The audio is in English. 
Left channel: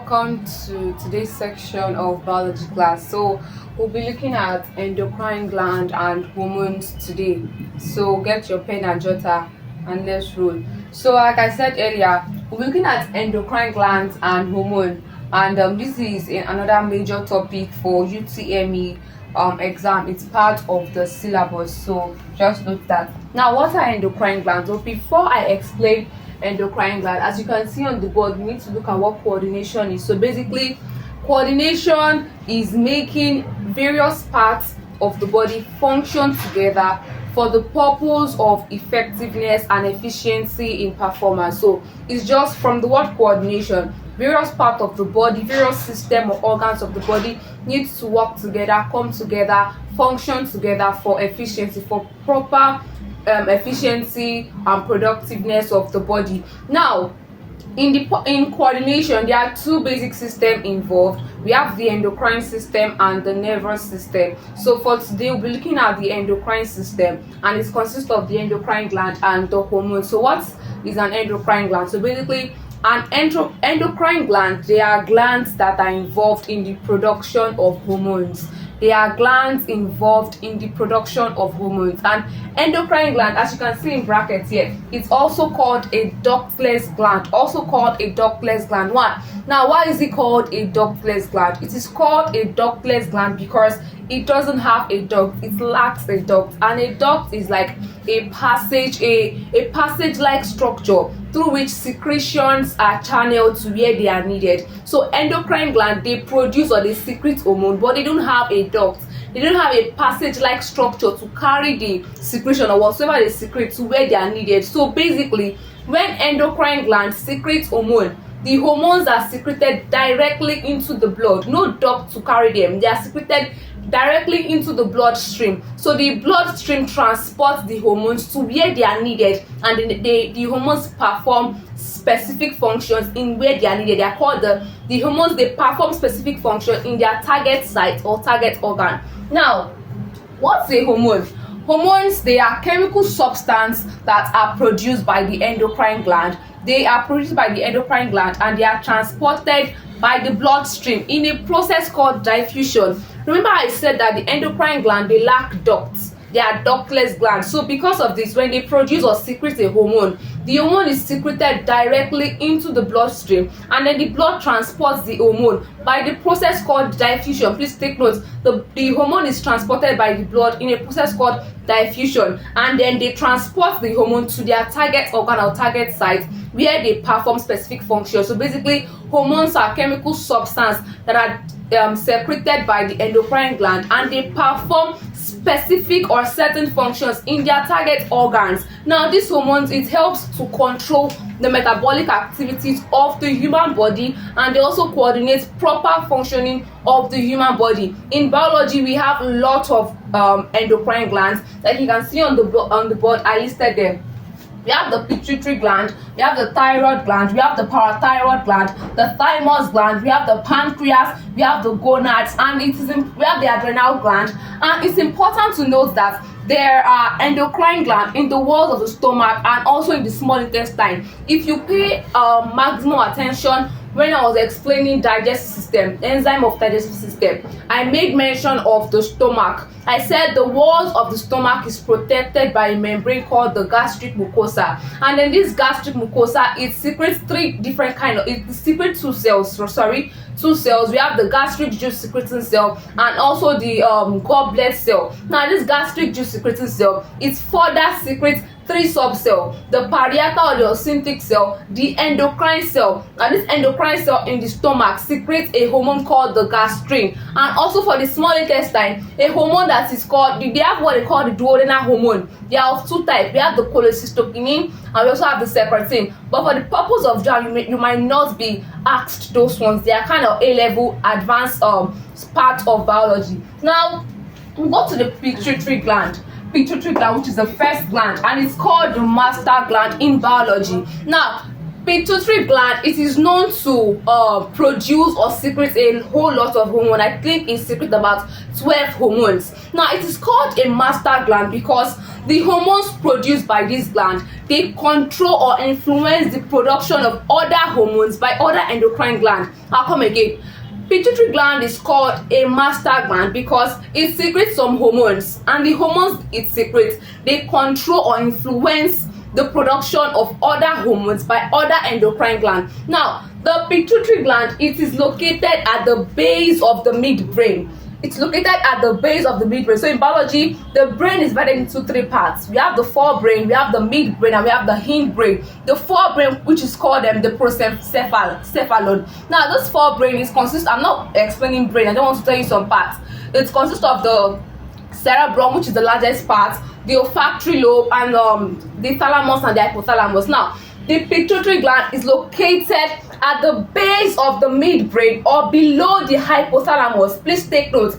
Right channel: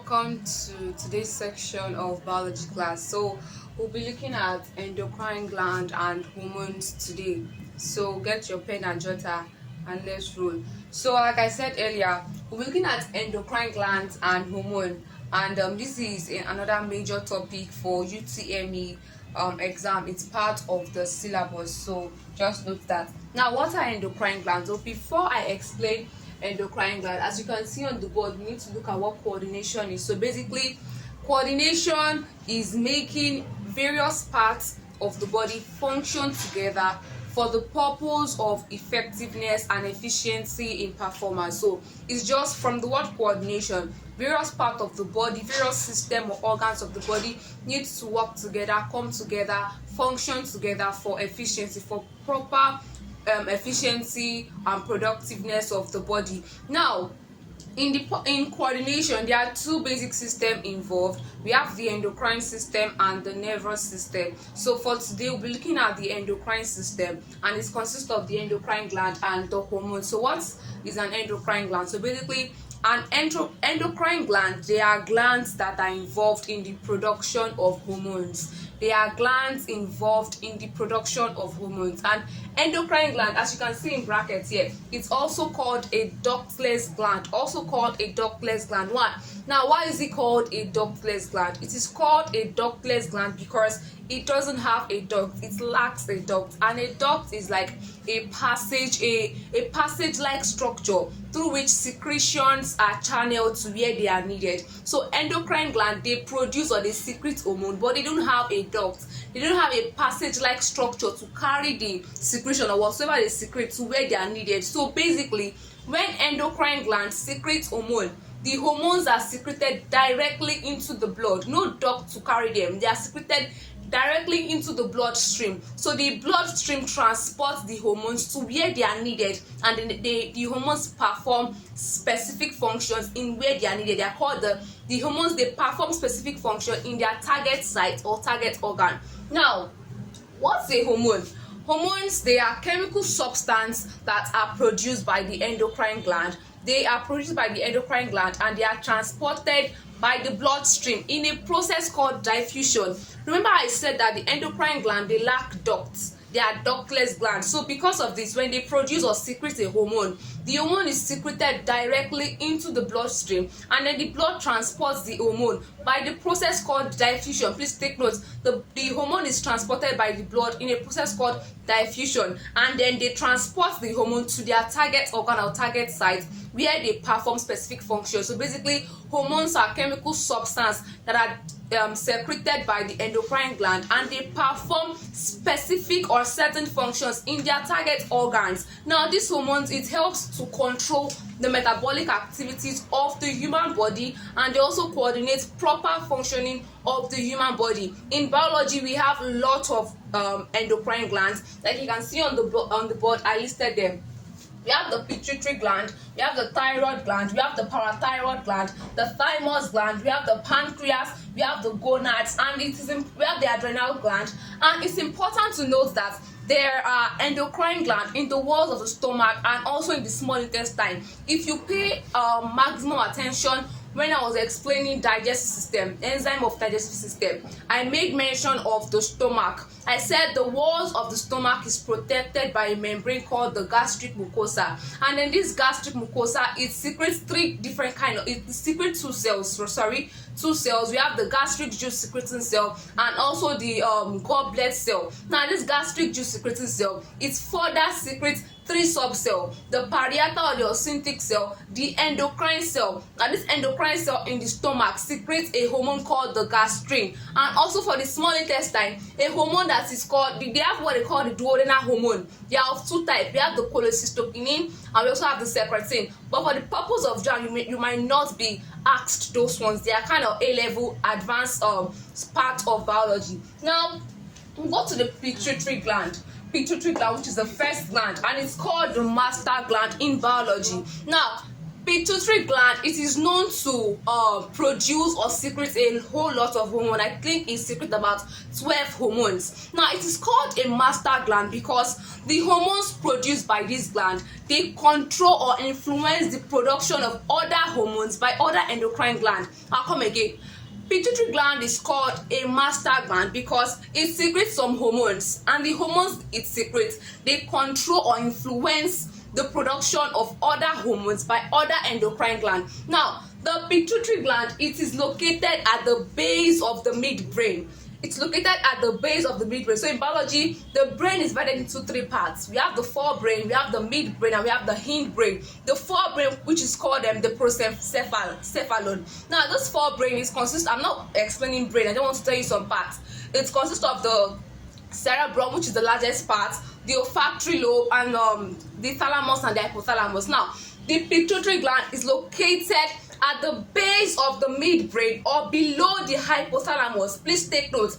welcome to today's section of biology class. So we'll be looking at endocrine gland and hormones today. So get your pen and jotter and let's roll. So like I said earlier, we'll be looking at endocrine glands and hormone, and this is another major topic for UTME exam. It's part of the syllabus, so just note that. Now, what are endocrine glands? So before I explain endocrine gland, as you can see on the board, we need to look at what coordination is. So basically, coordination is making various parts of the body function together for the purpose of effectiveness and efficiency in performance. So it's just from the word coordination, various parts of the body, various system or organs of the body need to work together, come together, function together for efficiency, for proper efficiency and productiveness of the body. Now, in coordination, there are two basic systems involved. We have the endocrine system and the nervous system. So for today, we'll be looking at the endocrine system, and it consists of the endocrine gland and the hormone. So what is an endocrine gland? So basically, an endocrine gland, they are glands that are involved in the production of hormones. They are glands involved in the production of hormones. And endocrine gland, as you can see in brackets here, it's also called a ductless gland. Also called a ductless gland. Now, why is it called a ductless gland? It is called a ductless gland because it doesn't have a duct. It lacks a duct, and a duct is like a passage, a passage-like structure through which secretions are channeled to where they are needed. So endocrine gland, they produce or they secrete hormone, but they don't have a duct. They don't have a passage-like structure to carry the secretion or whatsoever they secrete to where they are needed. So basically, when endocrine glands secrete hormone, the hormones are secreted directly into the blood. No duct to carry them. They are secreted directly into the bloodstream. So the bloodstream transports the hormones to where they are needed, and the hormones perform specific functions in where they are needed. They are called the hormones. They perform specific function in their target site or target organ. Now, what's a hormone? Hormones, they are chemical substances that are produced by the endocrine gland. They are produced by the endocrine gland and they are transported by the bloodstream in a process called diffusion. Remember, I said that the endocrine gland, they lack ducts. They are ductless glands. So because of this, when they produce or secrete a hormone, the hormone is secreted directly into the bloodstream, and then the blood transports the hormone by the process called diffusion. Please take note, the hormone is transported by the blood in a process called diffusion, and then they transport the hormone to their target organ or target site where they perform specific functions. So basically, hormones are chemical substances that are secreted by the endocrine gland, and they perform specific or certain functions in their target organs. Now, these hormones, it helps to control the metabolic activities of the human body, and they also coordinate proper functioning of the human body. In biology, we have a lot of endocrine glands. Like you can see on the board, I listed them. We have the pituitary gland, we have the thyroid gland, we have the parathyroid gland, the thymus gland, we have the pancreas, we have the gonads, and we have the adrenal gland. And it's important to note that there are endocrine glands in the walls of the stomach and also in the small intestine. If you pay maximum attention when I was explaining digestive system, enzyme of digestive system, I made mention of the stomach. I said the walls of the stomach is protected by a membrane called the gastric mucosa, and then this gastric mucosa, it secretes it secretes two cells. We have the gastric juice secreting cell and also the goblet cell. Now, this gastric juice secreting cell, it further secretes three subcells: the parietal or the oxyntic cell, the endocrine cell, and this endocrine cell in the stomach secretes a hormone called the gastrin. And also for the small intestine, a hormone that is called, they have what they call the duodenal hormone. They are of two types. We have the cholecystokinin and we also have the secretin. But for the purpose of jam, you might not be asked those ones. They are kind of A-level advanced part of biology. Now, we go to the pituitary gland, which is the first gland, and it's called the master gland in biology. Now, pituitary gland, it is known to produce or secrete a whole lot of hormone. I think it secretes about 12 hormones. Now it is called a master gland because the hormones produced by this gland, they control or influence the production of other hormones by other endocrine glands. I'll come again. Pituitary gland is called a master gland because it secretes some hormones, and the hormones it secretes, they control or influence the production of other hormones by other endocrine glands. Now the pituitary gland, it is located at the base of the midbrain. It's located at the base of the midbrain. So in biology, the brain is divided into three parts. We have the forebrain, we have the midbrain, and we have the hindbrain. The forebrain, which is called the prosencephalon. Now this forebrain is I'm not explaining brain, I don't want to tell you some parts. It consists of the cerebrum, which is the largest part, the olfactory lobe, and the thalamus and the hypothalamus. Now the pituitary gland is located at the base of the midbrain or below the hypothalamus. Please take note.